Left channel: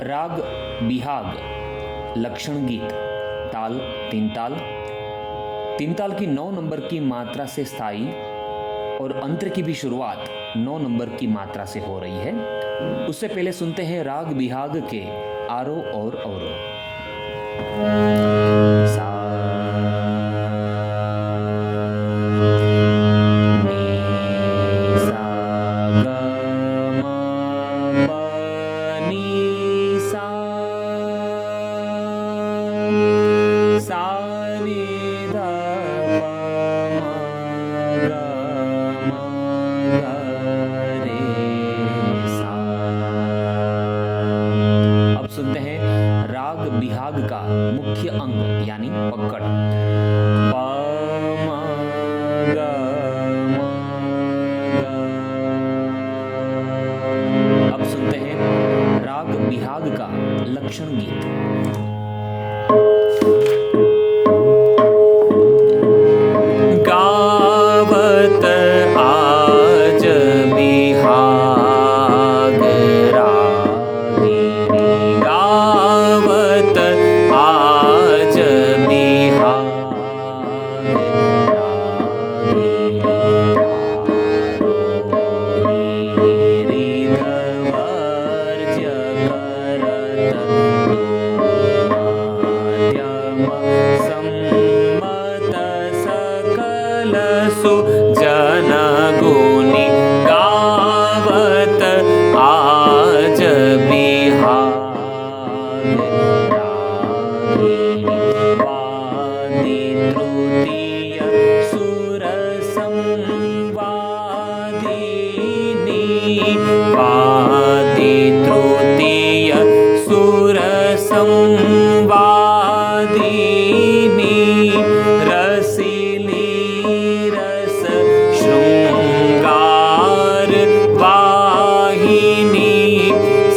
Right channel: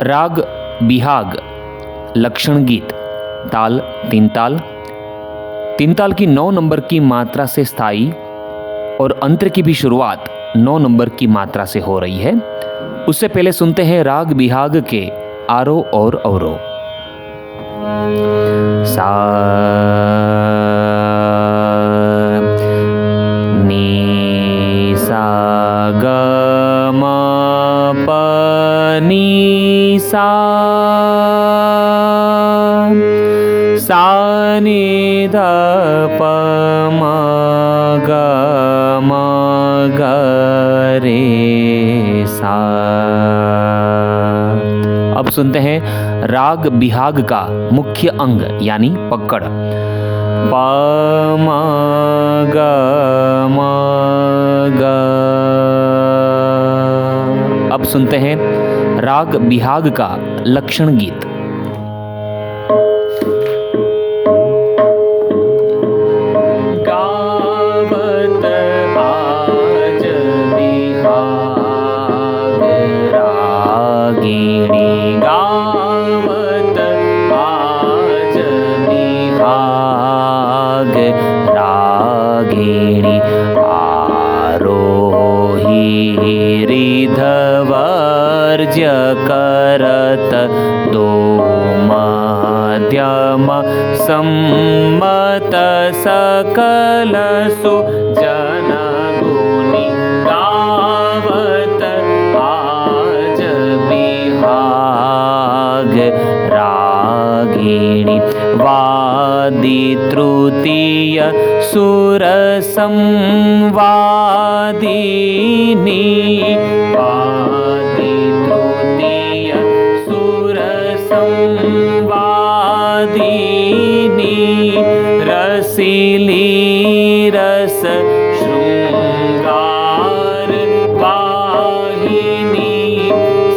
राग बिहाग लक्षण गीत ताल तीन ताल। तीन ताल की 9 नंबर की मात्रा से स्थाई और अंतर की भी शुरुआत 9 नंबर की मात्रा से हो रही है। उससे पहले सुनते हैं राग बिहाग के आरोह और अवरोह। सा नी सा ग म प नी सा सा नी ध प म ग म ग रे सा। अब सुनते हैं राग बिहाग का मुख्य अंग यानी पकड़। प म ग म ग। अब सुनते हैं राग बिहाग का लक्षण गीत। गावत आज बिहाग रागिणी, गावत आज बिहाग रागिणी। आरोही रिधवर्ज्य करत दो मध्यम सम्मत सकल सुजन गुणी। गावत आज बिहाग रागिणी। वादी तृतीय सुर संवादिनी, वादी तृतीय सुर संवादिनी। रसीली रस शृंगार वाहिनी,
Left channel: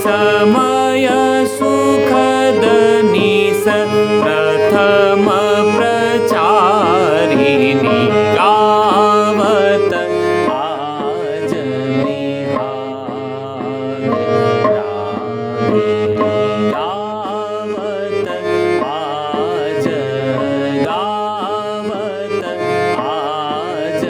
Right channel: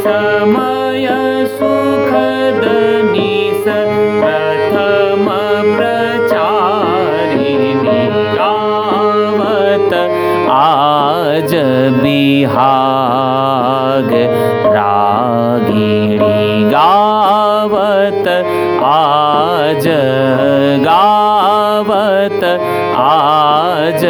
समय सुखद निस प्रथम प्रचारिणी। गावत आज बिहाग रागिणी, गावत आज, गावत आज